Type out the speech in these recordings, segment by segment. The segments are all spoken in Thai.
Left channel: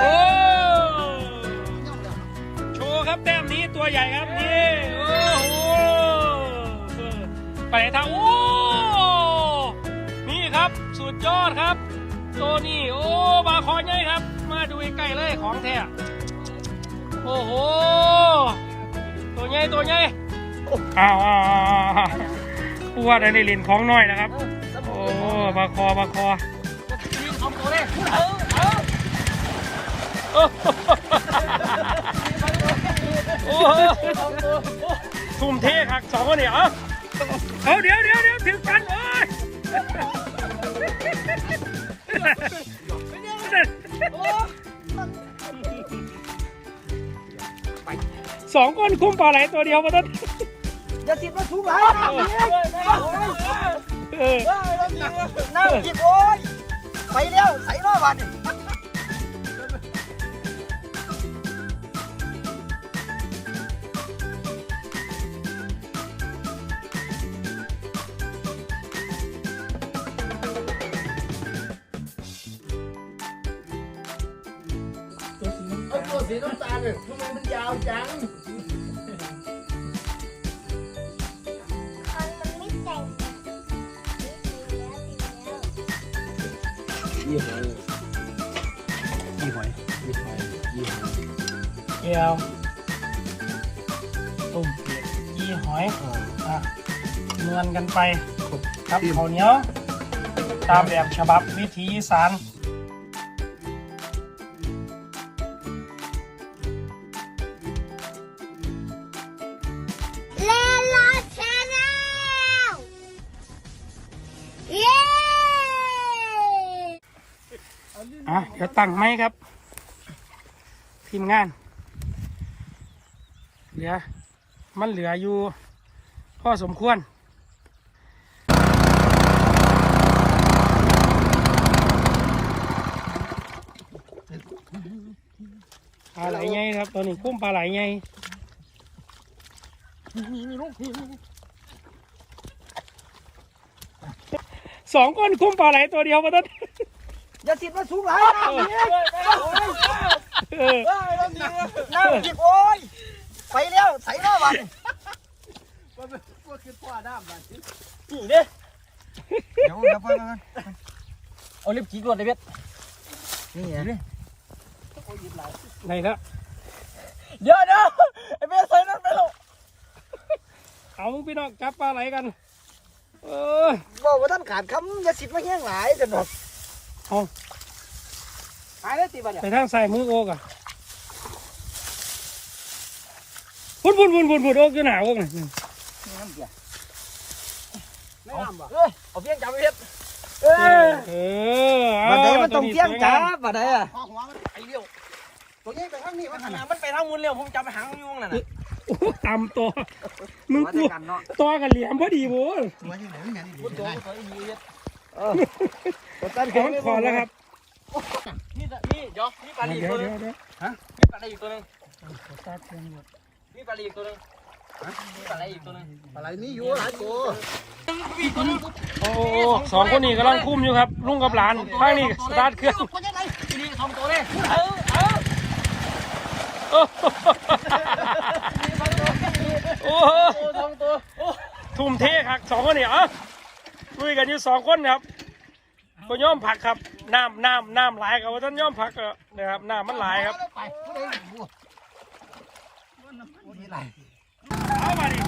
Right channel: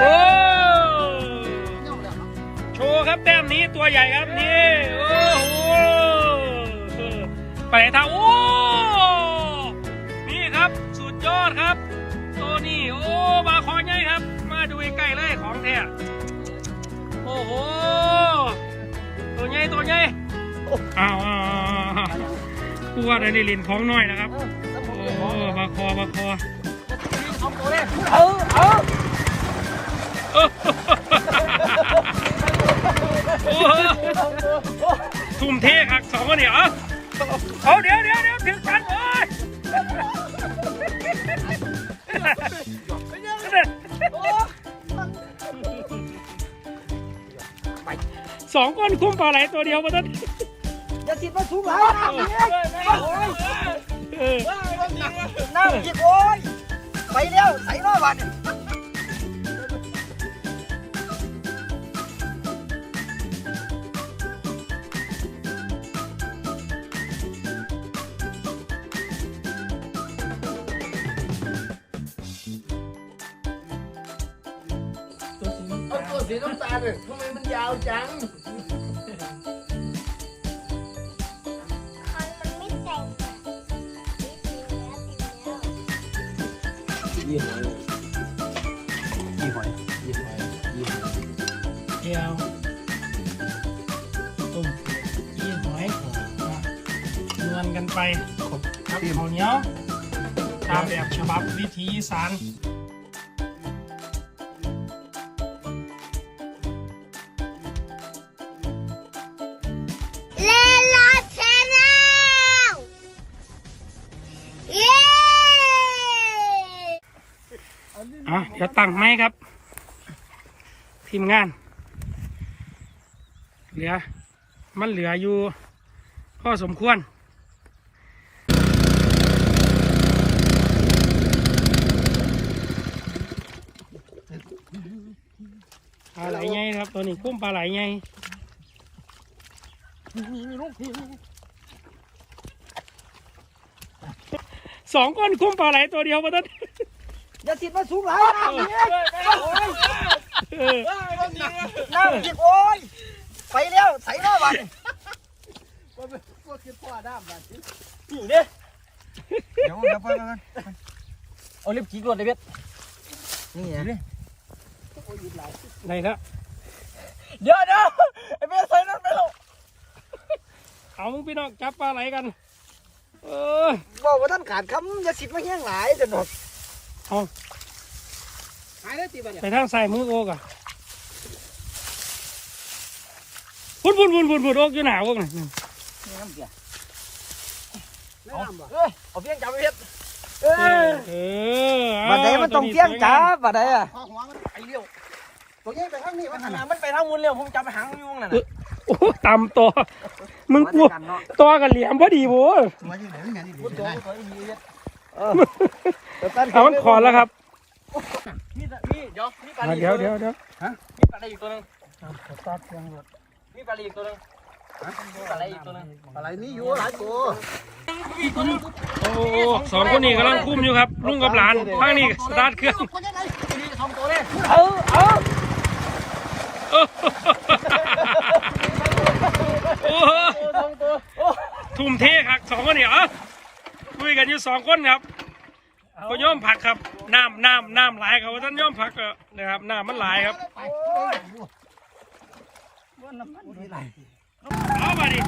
โอ้โชว์ครับแต้มนี้ตัวใหญ่ครับนี่โอ้โหไปไหนทางโอ้นี่ครับสุดยอดครับตัวนี้โอ้บาคอใหญ่ครับ มาดูใกล้ๆเลยของแท้โอ้โหตัวใหญ่ตัวใหญ่อ่าตัวเดี๋ยวนี้ลินของน้อยนะครับโอ้บาคอบาคอ เอาตัวเลยเออเออโอ้ทุ่มเทหักสองคนเนี่ยเอาเอาเดี๋ยวเดี๋ยวเดี๋ยวถึงกันเลยสองคนคุ้มปลาไหลตัวเดียวมาตั้งอย่าติดมาสูงหลายน้ำนี่โอ้ยเออน้ำจิบโอ้ย ไปแล้วใส่รอบวันเอาตัวสีน้ำตาลเลยทำไมมันยาวจัง ยี่หอยยี่หอยเดียวตุ่มยี่หอยอะนวลกันไปครับข้าวเหนียว ตามแบบฉบับวิถีอีสานเลลาชแนลเย้อะเดี๋ยวตั้งไหมครับ ทีมงาน เหลือมันเหลืออยู่พอสมควรปลาไหลไงครับตัวนี้คุ้มปลาไหลไงสองคนคุ้มปลาไหลตัวเดียวมาตั้งอย่าติดมาสูงหลายน้ำนี่โอ้ยเออน้ำจิบโอ้ย ไปแล้วใส่รอบวันพวกคือพ่อน้ำมันนี่เด้เดี๋ยวเดี๋ยวไปไปเอาลิปจีกรวดเลยเบ็ดนี่ไงไหนแล้วเดี๋ยวเดี๋ยวไอ้เบ็ดใส่นั่นไปแล้วเอามึงพี่น้องจับปลาไหลกัน เออบอกว่าท่านขาดคำอย่าติดมาแห้งหลายจะหนดเอาหายแล้วตีบัดเนี่ยไปทางใส่มือโอกอะ พุ่นพุ่นพุ่นพุ่นพุ่นโอกอยู่หนาวกนี่นี่น้ำเบียร์ไม่น้ำบ่เอ้ยเอาเพียงจับไปเบ็ดเอเอออเออเอาบัดไหนมันต้องเพียงจับบัดไหนอะพ่อหัวมันไปเลี้ยวตัวนี้ไปข้างนี้มันขนาดมันไปทางมุนเร็วผมจับไปหางยุ่งนั่นน่ะโอ้ตำตัวมึงกลัวตัวกันเหลี่ยมพอดีโว้ยตัวที่ไหนนี่นี่พุทโธได้พุทโธอีเบ็ดเอามันขอดแล้วครับนี่นี่เดี๋ยวนี่ปลาลีเดี๋ยวเดี๋ยวเดี๋ยวมีปลาลีอีกตัวหนึง มีปลาลีอีกตัวหนึงมีปลาลีอีกตัวหนึงอะไรนี่อยู่หลายตัวมีอีกตัวหนึงโอ้สองคนนี้กำลังคุ้มอยู่ครับ ลุงกับหลานข้างนี้สตาร์ทเครื่องมีสองตัวเลยเออเออโอ้ตัวสองตัวทุ่มเทหักสองคนเนี่ยอะลุยกันอยู่สองคนครับก็ย่อมผักครับน้ำน้ำน้ำหลายครับว่าท่านย่อมผักก็นะครับน้ำมันหลายครับ นี่ไรเอามาดิ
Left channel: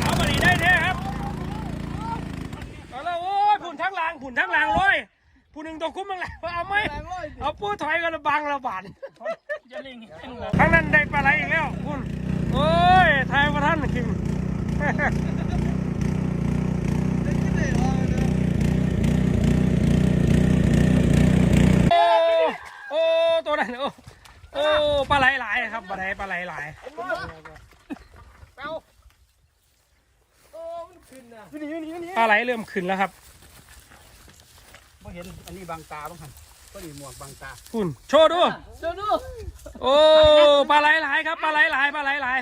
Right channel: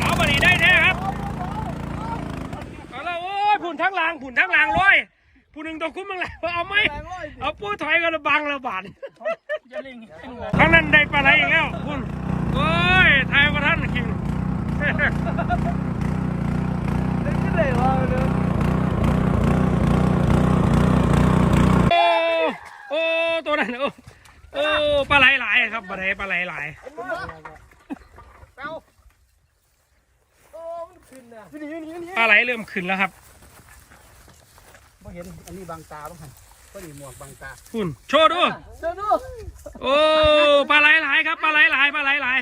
เอามาดิได้แท้ครับเอาละโอ้ยผุนทั้งลางผุนทั้งลางร้อยผู้หนึ่งตัวคุ้มมึงแหละเอาไหมเอาปูถอยกันละบังละบาทครั้งนั้นได้ปลาไหลอีกแล้วคุณโอ้ยทยว่าท่านกินโอ้โอ้ตัวนั้นโอ้ โอ้ปลาไหลหลายครับปลาไหลปลาไหลหลายเป้าโอ้มันขึ้นนะนี่นี่นี่ปลาไหลเริ่มขึ้นแล้วครับไม่เห็นอันนี้บางตาบ้างครับก็ดีหมวกบางตาคุณโชว์ดูเดี๋ยวดูโอ้ปลาไหลหลายครับปลาไหลหลายปลาไหลหลาย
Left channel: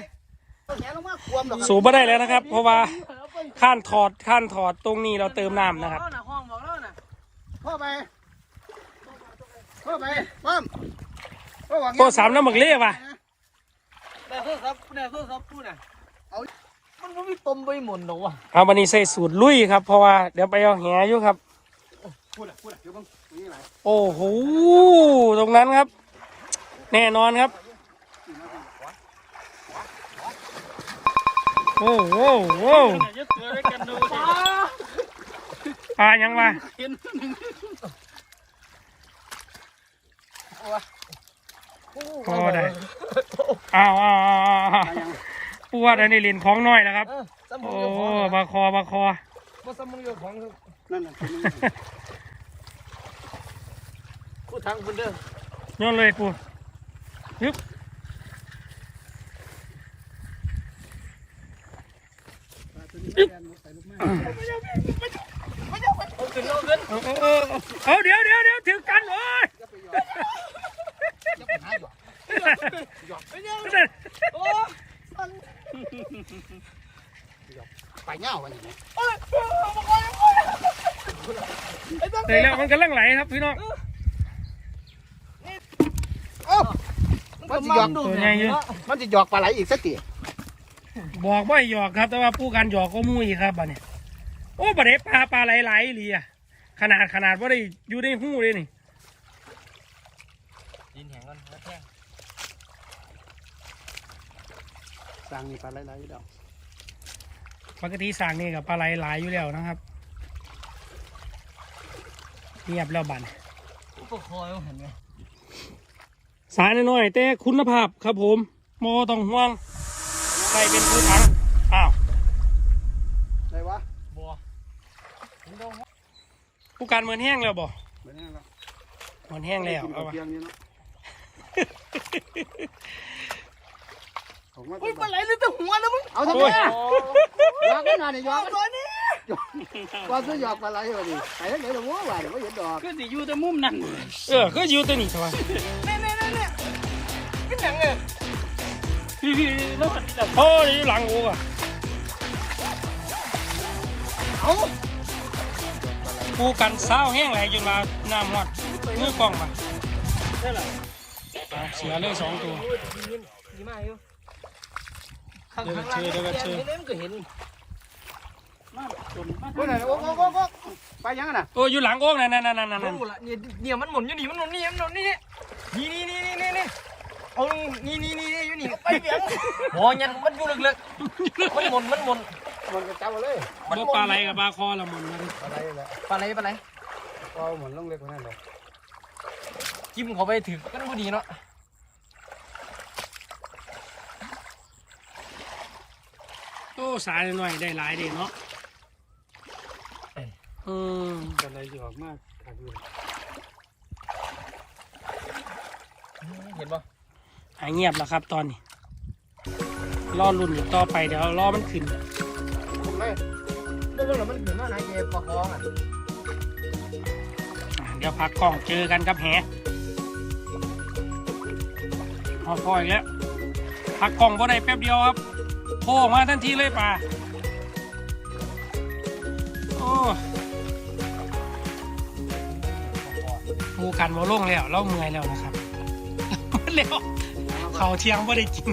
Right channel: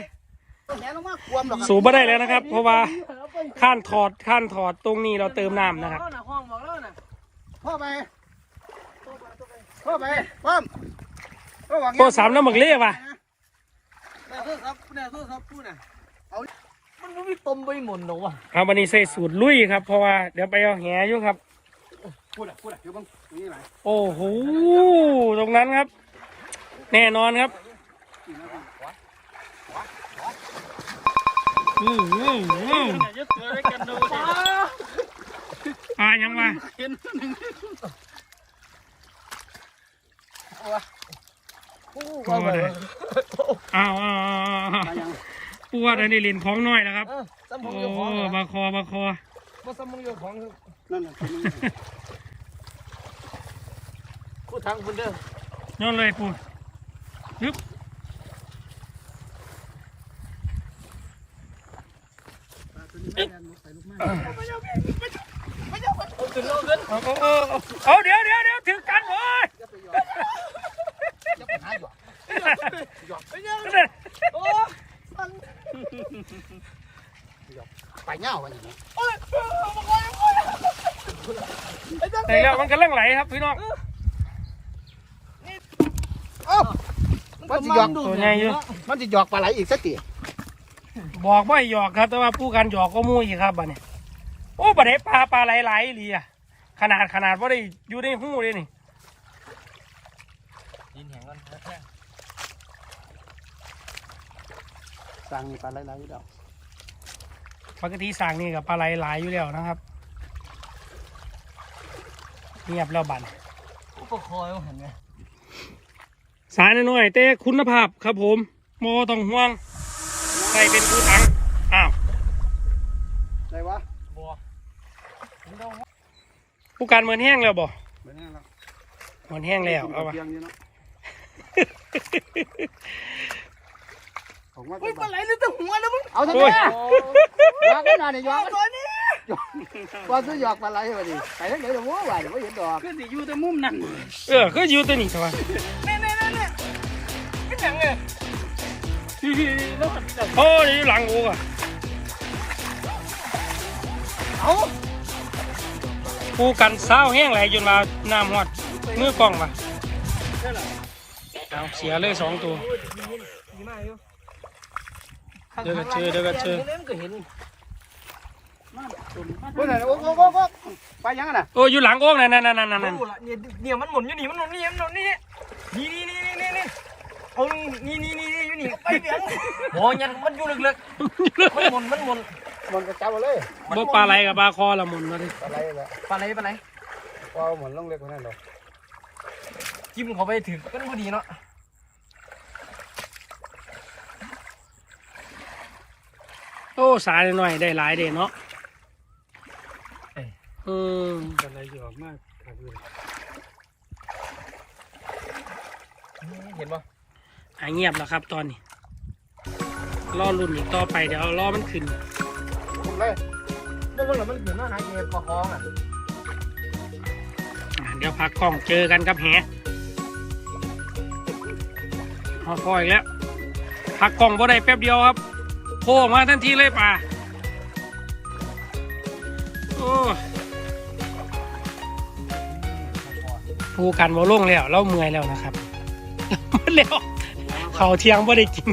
แขนว่าควมดอกสูบไม่ได้แล้วนะครับ เพราะว่าข้านถอดข้านถอดตรงนี้เราเติมน้ำนะครับห้องบอกแล้วนะพ่อไปพ่อไปพ่อพ่ อวางโอ้สามน้ำหมึกเล่ว่ะแนวโทษครับแนวโทษครับพูดน่ะเอามันไม่มีตมไปหมดหรอวะเอาบันนี้ใส่สูตรลุยครับ เพราะว่าเดี๋ยวไปเอาแหอยู่ครับพูดอะพูดอะเดี๋ยวบังตรงนี้ไหลโอ้โหตรงนั้นครับ แน่นอนครับโอ้โหโอ้โหจะเจอได้กันดูปลายังมาเห็นหนึ่ง ปลาเลยอ้าวอ้าวอ้าวอ้าวตายังปวดอันนี้ลินของน้อยนะครับเออสมอโอ้งอยู่ของบาคอบาคอมาสมองอยู่ของนั่นน่ะเป็นคู่ทางคุณเด้อย้อนเลยปูยึบปลาตัวนี้ไม่ได้ไปลูกมาเอาขึ้นเอาขึ้นเอาเอาเอาเอาเดี๋ยวเดี๋ยวเดี๋ยวถึงกันโอ้ย จะไปหยอดจะไปหาหยอดหยอดไปยังโอ้ไปเงาไปอย่างนี้แต่แล้วมันกำลังไหลครับพี่น้องมันจะหยอกดูไงเนาะมันจะหยอกปลาไหลอีกสักทีบอกว่าหยอกครับ แต่ว่าผู้การหยอกก็มู่อีกครับบัดเนี่ยโอ้บัดไหนปลาปลาไหลไหลเลยอะขนาดขนาดว่าได้อยู่ในหูเลยนี่แหงกันแค่ สั่งนี่ปลาไหลๆอยู่ดอกปกติสั่งนี่กับปลาไหลไหลายอยู่แล้วนะครับเงียบแล้วบัดอุปคอยเห็นไหมสายน้อยๆแต่คุณภาพครับผมโมต้องห่วงใครเป็นผู้ถังอ้าวได้วะบัวผู้การเหมือนแห้งแล้วบ่ไปแน่แล้วเหมือนแห้งแล้วเอาไป วะเพียงนี้เนาะผมว่าอุ้ยปลาไหลเลยแต่หัวนะมึงเอาที่โอ้ยนี่หยอกได้นานนี่หยอกตัวนี้ก็ซื้อหยอกปลาไหลเลยดิไปไหนหลงว่าหวานไม่เห็นดอกก็สิอยู่แต่มุมนั้นเออก็อยู่ตัวนี้ใช่ไหมเน่เน่เน่เน่เป็นหยังเนี่ยพี่พี่แล้วมันจับโอ้ยอยู่หลังกูอะเอากูกันเศร้าแห้งไหลจนมาน้ำหอดมือกล้องมาเอาเสียเลยสองตัวดีมากอยู่ เดี๋ยวก็เจอเดี๋ยวก็เจอเล่นก็เห็นโอ้ยโอ้โหโอ้โหไปยังน่ะโอ้ยอยู่หลังโอ่งนั่นนั่นนั่นนั่นนั่นโอ้ละเนี่ยเนี่ยมันหมุนอยู่นี่มันหมุนนี่มันหมุนนี่นี่นี่นี่นี่นี่นี่เอานี่นี่นี่นี่อยู่นี่ไปเบียงโอ้ยันมันอยู่ลึกๆมันหมุนมันหมุนมันก็จับเอาเลยบ่ปลาไหลกับปลาคอละหมุนมาดิอะไรวะปลาไหลปลาไหลเอาเหมือนลงเล็กนั่นหรอจิ้มเขาไปถึงกันพอดีเนาะ โอ้สายหน่อยได้หลายเด้เนาะอืมอะไรหยอกมากครับพี่เห็นป่ะหายเงียบแล้วครับตอนนี้รอรุ่นอีกต่อไปเดี๋ยวรอมันขึ้นเรื่องอะไรมันเห็นว่าไหนเก็บปลาคองอะอะเดี๋ยวพักกล้องเจอกันกับแหพอพออีกแล้วพักกล้องพอได้แป๊บเดียวครับ โผล่ออกมาทันทีเลยป่าโอ้ผู้กันบ่ลงแล้วเราเมื่อยแล้วนะครับมันแล้วเขาวเที่ยงบ่ได้กิน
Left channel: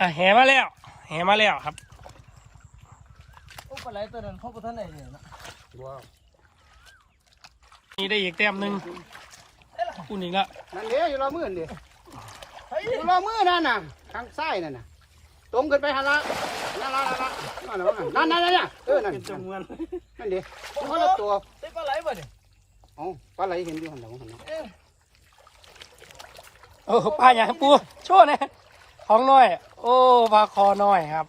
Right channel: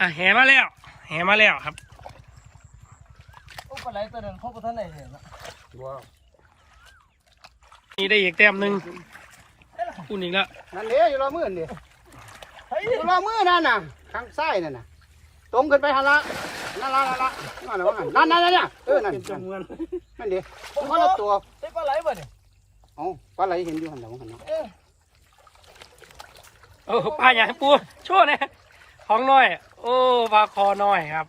อะแหมาแล้ว แหมาแล้วครับปลาไหลตัวหนึ่งพบกับท่านไหนเนี่ยนะว้านี่ได้อีกแต้มหนึ่งคุณอีกแล้วนั่นเนี่ยอยู่รอมือนี่เฮ้ย รอมือนั่นน่ะทางซ้ายนั่นน่ะตรงขึ้นไปหันละนั่นละนั่นละนั่นนั่นนั่นเออนั่นเป็นจำนวนนั่นดิคนละตัวได้ปลาไหลป่ะเนี่ยเอ้าปลาไหลเห็นอยู่หันหลังหันเอ๊ะโอ้ปลาอย่างปูโชว์เนี่ยของน้อย โอ้ปลาคอน้อยครับ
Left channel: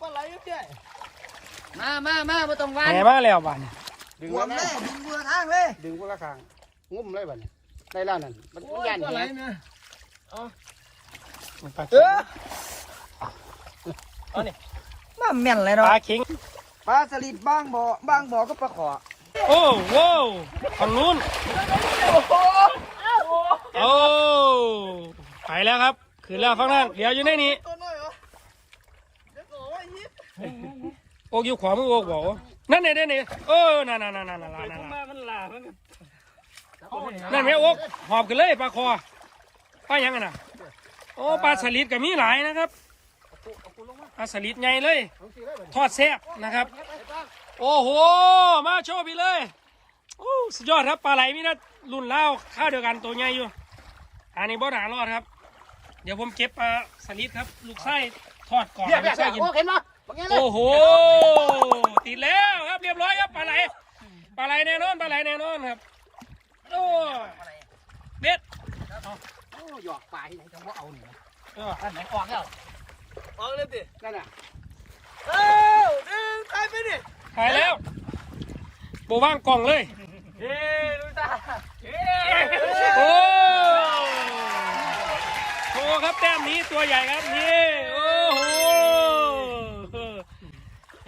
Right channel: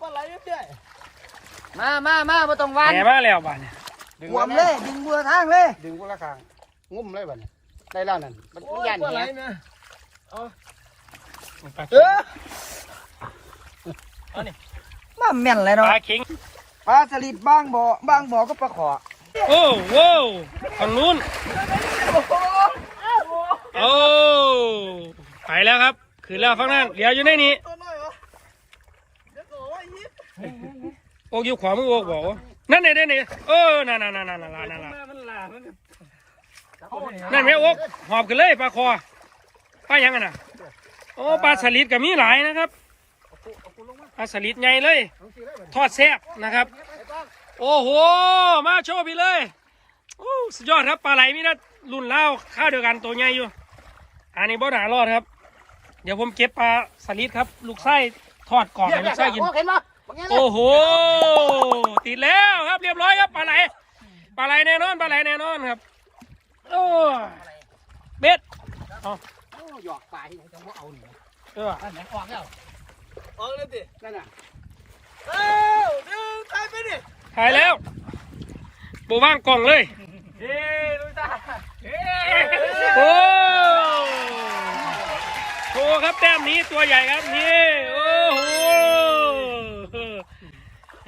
ปลาไหลเพี่ยมามามามาต้องวันแหมาแล้วบ้านเนี่ยหวมเลยดึงบัวทางเลยดึงคนละข้างงุ้มเลยบัดได้แล้วนั่นโอ้ยยันปลาไหลเหี้ยนะ เอาปลาเอเข็งอเอานี่มาแม่นเลยปเนาะลาเข็งปลาสลิดบ้างบ่อบ้างบ่อก็ปลาขอโอ้โว้วฝั่งนู้นโอ้โหโอ้ไปแล้วครับขึ้นแล้วฝั่งนั้นเดี๋ยวอยู่ในนี้ตัวน้อยวะเดี๋ยวก่อนว่ายิบโอกอยู่ขวามือโอกบอกว่านั่นนี่นั่นนี่เออนั่นนั่นนั่นนั่นนั่นนั่นนั่นมันลามันนั่นไหมโอ๊กหอบกันเลยปลาคอ ปลายังไงน่ะ โอ้ปลาสลิดก็มีหลายนะครับปลาสลิดใหญ่เลย ทอดแซ่บนะครับ โอ้โห มาโชว์พี่เลยโอ้สุดยอดครับปลาไหลมีนะรุ่นเล่าวข้าวเดียวกันตัวใหญ่อยู่ อันนี้บ่หนารอดครับ เดี๋ยวผมเก็บปลาสลิดครับ ลูกไส้ทอดกรอบให้ลูกไส้กินเห็นปะบางอย่างโอ้โหติดแล้วครับเรียบร้อยครับปลาไหลปลาไหลแน่นอนปลาไหลแน่นอนครับโอ้เบ็ดเอาโอ้หยอกปลาที่ไหนจังว่าเอาเนี่ยเอออันไหนออกแล้วออกเลยดินั่นน่ะเอ้าดึงตายไปดิถ่ายแล้วโบว่างกล่องเลยเฮ้ดูตาเฮ้โอ้โหครับแต้มนี้ตัวใหญ่ครับนี่โอ้โห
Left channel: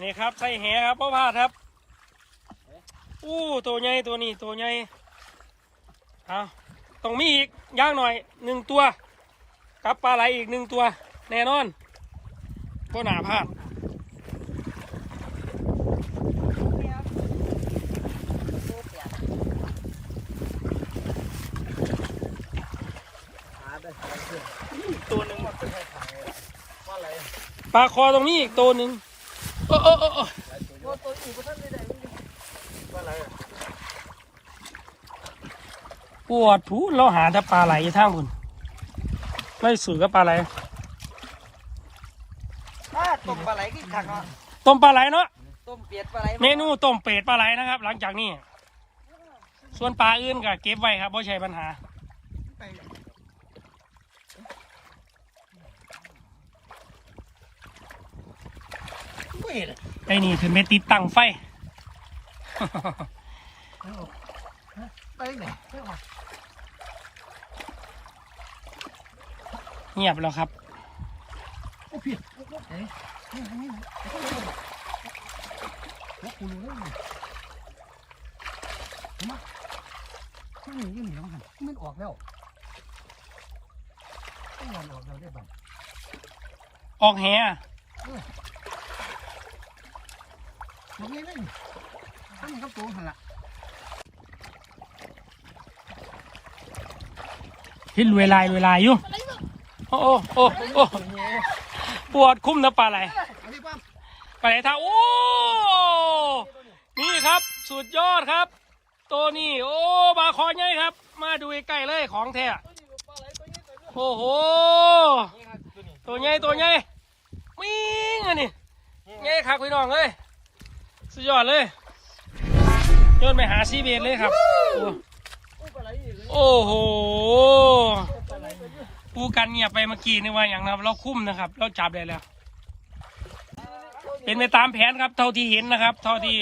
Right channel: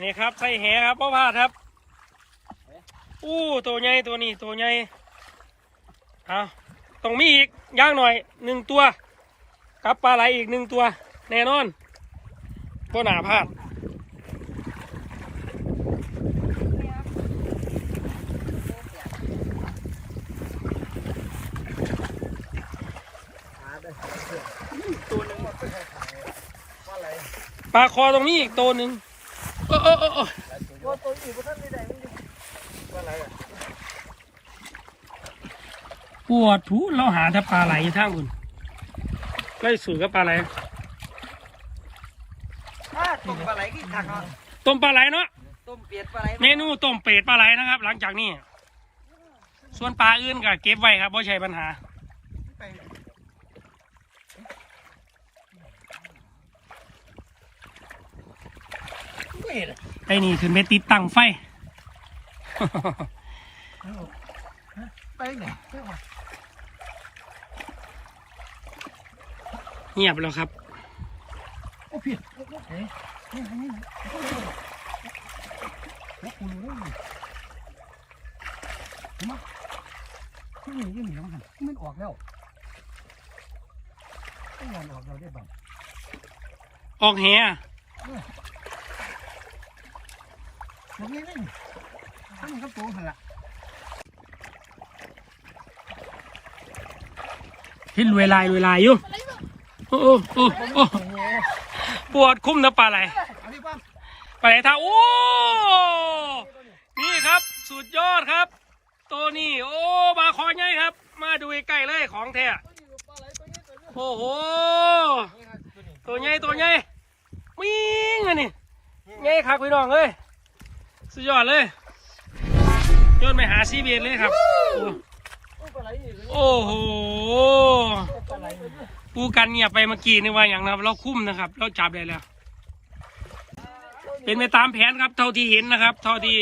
นี่ครับใส่แหครับพ่อพลาดครับอู้ตัวใหญ่ตัวนี้ตัวใหญ่เอา ต้องมีอีกย่างหน่อยหนึ่งตัวกับปลาไหลอีกหนึ่งตัว แน่นอนก็หนาพลาดตัวนึงปลาคอตรงนี้อีกตัวหนึ่งโอ้โอ้โอ้ตัวอีกก็ท่านว่าอะไรอะ ปวดทูเราหาแต่ปลาไหลอยู่ท่างคุณไม่สื่อกับปลาไหลต้มปลาไหลกินถังต้มปลาไหลเนาะต้มเปียดปลาไหลเมนูต้มเป็ดปลาไหลนะครับ หลังจากนี้ ส่วนปลาอื่นก็เก็บไว้ครับไม่ใช่ปัญหาไม่เห็นไอ้นี่ขึ้นไปติดตั้งไฟไปไหน งียบแล้วครับโอ้พี่เฮ้ยนี่นี่นี่โอ้คุณรู้ไหมมาที่นี่ยังมีน้ำหันมันออกแล้วต้องงานออกแล้วได้บ้างออกแหะบอย่างนี่ท่านก็ตัวหันละเห็นเวลาเวลาอยู่ โอ้โอ้โอ้ปวดคุ้มนะปลาไหลปลาไหลท่าโอ้นี่ครับสุดยอดครับ ตัวนี้โอ้บาคอใหญ่ครับ มาดูใกล้ๆเลยของแท้โอ้โหตัวใหญ่ตัวใหญ่วิ่งอันนี้ใหญ่ครับพี่น้องเลยสุดยอดเลยโยนไปหาซีเบียนเลยครับ โอ้โห ปูกันเงียบไปเมื่อกี้นี่ว่าอย่างนะครับ เราคุ้มนะครับ เราจับได้แล้ว เป็นไปตามแผนครับ เท่าที่เห็นนะครับ เท่าที่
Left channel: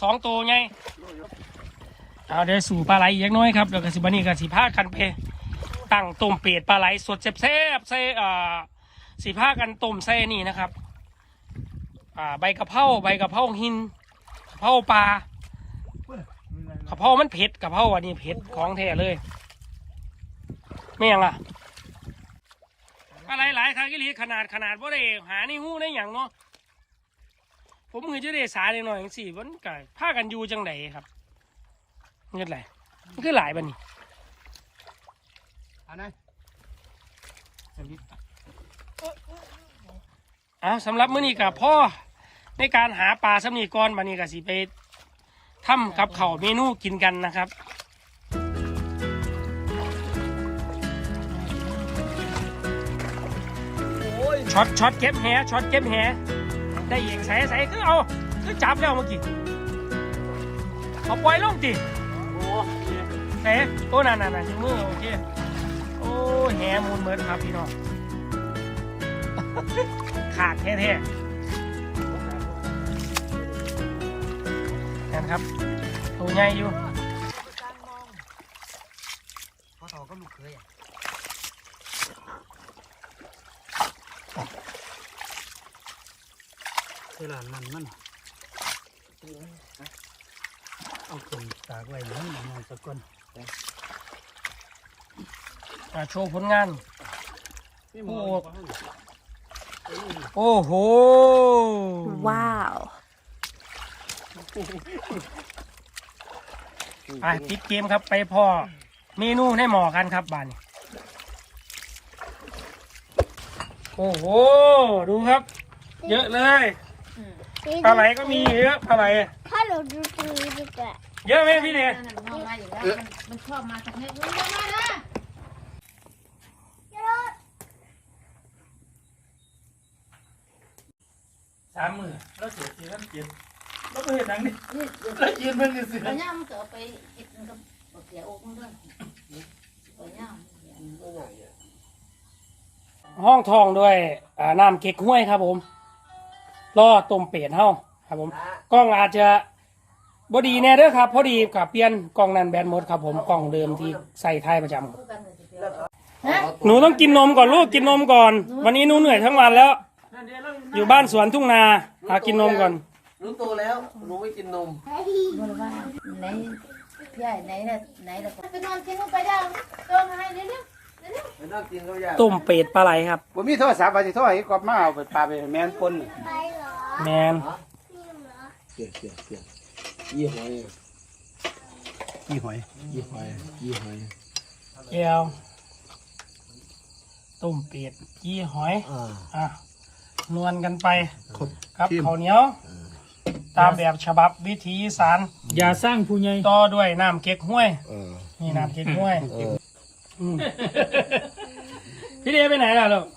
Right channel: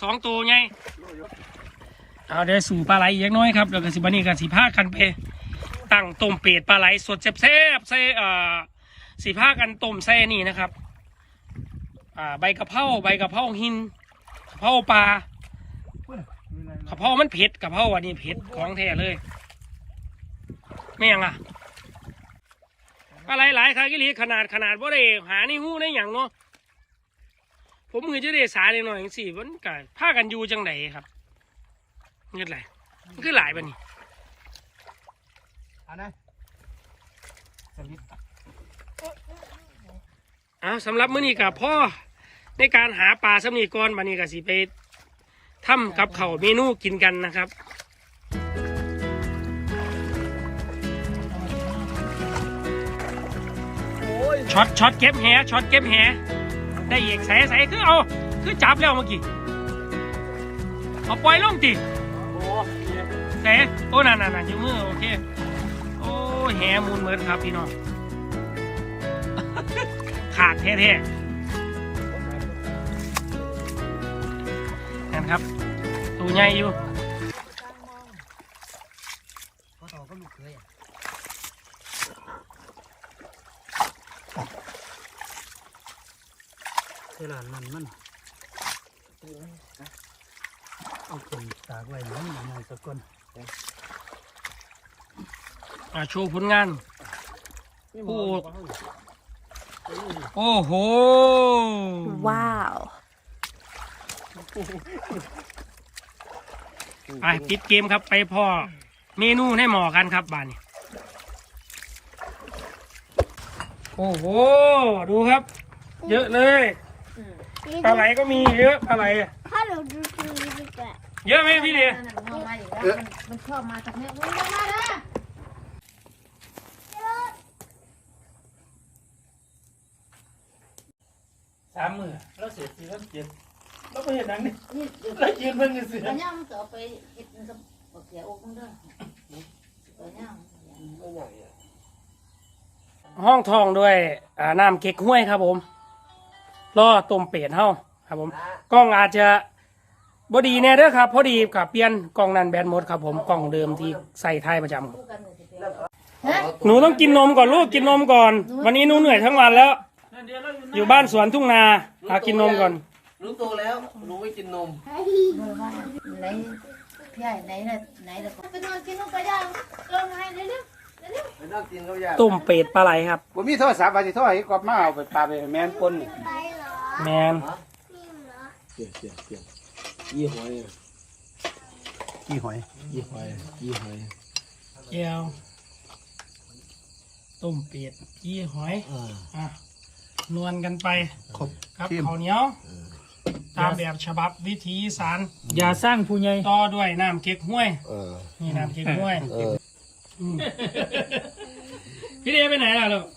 สองตัวไงเอาเดี๋ยวสู่ปลาไหลอีกอย่างน้อยครับแล้วก็สิบันนี้ก็สิพากันไปตั้งต้มเป็ดปลาไหลสดแซ่บๆใส่เอ่อสิพากันต้มใส่นี่นะครับ อ่าใบกะเพราใบกะเพราหินกะเพราปลากะเพรามันเผ็ดกะเพราอันนี้เผ็ดของแท้เลยไม่ยังอะ อะไรหลายครั้งกิลีขนาดขนาดว่าได้หาในหูในอย่างเนาะผมคือจะได้สาเลยหน่อยจังสี่มันก็พากันอยู่จังไดครับเงินไรมันคือหลายบันนี้อันนั้นสวิตอ้าวสำหรับมื้อนี้กับพ่อในการหาปลาสำนีก่อนบันนี้ก็สิไปทำกับเขาวเมนูกินกันนะครับ ช็อตช็อตเก็บแหช็อตเก็บแหได้อีกใส่ใส่คือเอาคือจับแล้วเมื่อกี้เอาปล่อยลงติโอ้ใส่โอ้นั่นนั่นนั่นอยู่มือโอเคโอ้แหมูลเหมือนครับพี่น้องขาดแท้ๆนั่นครับตัวใหญ่อยู่ เขาต่อก็ลูกเคยเวลา นั้นมันเอาคนตากไว้มันมองตะกอนมาโชว์ผลงาน โอ้โอ้โห Wow. ไปปิดเกมครับไปพ่อเมนูให้หมอกันครับบ้านนี้โอ้โห ดูครับ เยอะเลย ปลาไหลก็มีเยอะปลาไหลถ้าเราดูทีวีดีกว่าเยอะไหมพี่เดียนั่นน่ะมันเอามาอีกแล้วมันมันชอบมาสักนิดมันมาแล้วสามมือแล้วเสียทีแล้วเจ็บแล้วไม่เห็นหนังนี่แล้วยืนเพิ่งยืนเสือตอนนี้มันจะเอาไปเก็บมันก็บอกเสียอกมันด้วยตอนนี้ห้องทองด้วยอ่าน้ำเก๊กห้วยครับผม ล่อต้มเป็ดเฮาครับผมกล้องอาจจะบดีแน่เด้อครับ พอดีกับเปลี่ยนกล้องนั้นแบนหมดครับผมกล้องเดิมที่ใส่ท้ายประจำครับหนูต้องกินนมก่อนลูกกินนมก่อน วันนี้หนูเหนื่อยทั้งวันแล้ว อยู่บ้านสวนทุ่งนาหากินนมก่อนหนูโตแล้วหนูไม่กินนมไหนพี่ใหญ่ไหนเนี่ยไหนล่ะไปนอนกินลงไปได้เดินให้เร็วไม่ต้องกินก็ยากต้มเป็ดปลาไหลครับผมมีโทรศัพท์ไปที่โทรให้กอบมาเอาไปปลาไปให้แมนปนนี่ไปเหรอ แมนเกี่ยวเกี่ยวเกี่ยวยี่หอยกี่หอยยี่หอยยี่หอยแก้วต้มเป็ดยี่หอยอ่าอะนวลกันไปครับข้าวเหนียว ตามแบบฉบับวิถีอีสานอย่าสร้างผู้ใหญ่ต่อด้วยน้ำเก๊กห้วยเออนี่น้ำเก๊กห้วยเออมพี่เดไปไหนล่ะลูกเ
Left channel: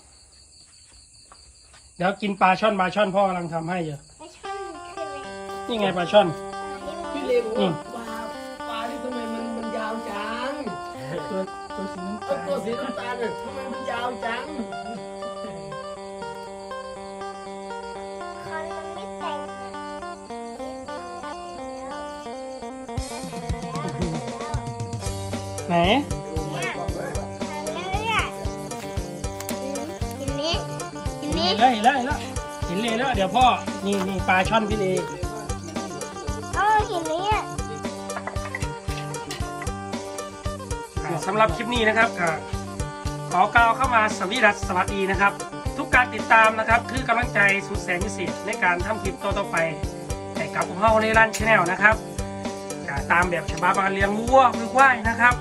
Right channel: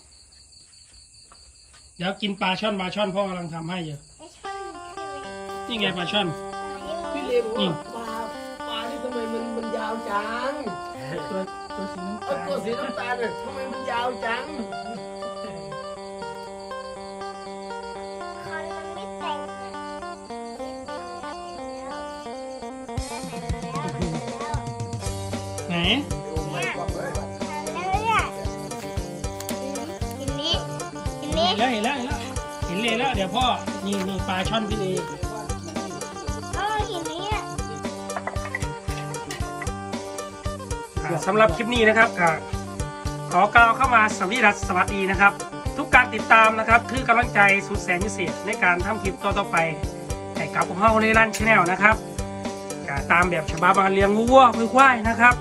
ดี๋ยวกินปลาช่อนปลาช่อนพ่อกำลังทำให้อยู่ไม่ใช่คือนี่ไงปลาช่อน พี่เล็กนี่ปลาปลานี่ทำไมมันมันยาวจังตัวตัวสีน้ำเออตาลตัวสีน้ำตาลเนี่ยทำไมมันยาวจังคันมันไม่แต่งไหน เห็นไหมได้แล้วได้แล้วเห็นเลยแล้วเดี๋ยวพ่อนี่นี่ปลาช่อนพี่เลเออเห็นไหมอะอ่าสำหรับคลิปนี้นะครับก็ขอกล่าวเข้ามาสวัสดีรัสสวัสดีนะครับ ทุกการติดตามนะครับคือกำลังใจสุดแสนพิเศษในการทำคลิปต่อๆไปให้กับพวกเราในร้านชาแนลนะครับก็ตามแบบฉบับการเลี้ยงวัวมือควายนะครับ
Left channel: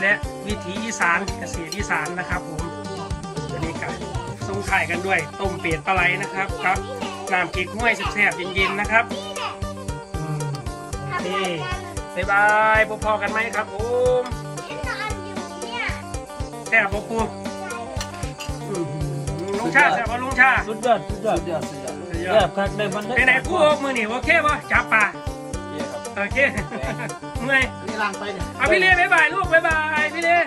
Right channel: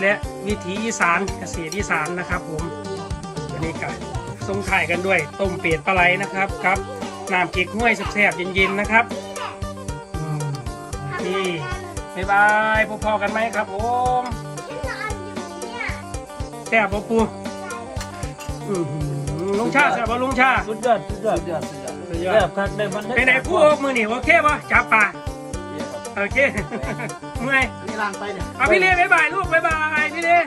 และวิถีอีสานเกษตรอีสานนะครับผมวันนี้ก็ส่ งถ่ายกันด้วยต้มเป็ดปลาไหลนะครับครับน้ำเก๊กห้วยแซ่บๆเย็นๆนะครับนี่บ๊ายบายพบพอกันไหมครับผมแซ่บปะปูลุงชาแซ่บปะลุงชาสุดยอดสุดยอดสุดยอดสุดยอดแซ่บคักได้มันไปไหนพูดมือหนีโอเคป่ะจับปลาโอเคเมื่อยนี่ลางไปเนี่ยเอาพี่เลี้ยบ๊ายบายลูกบ๊ายบายพี่เล่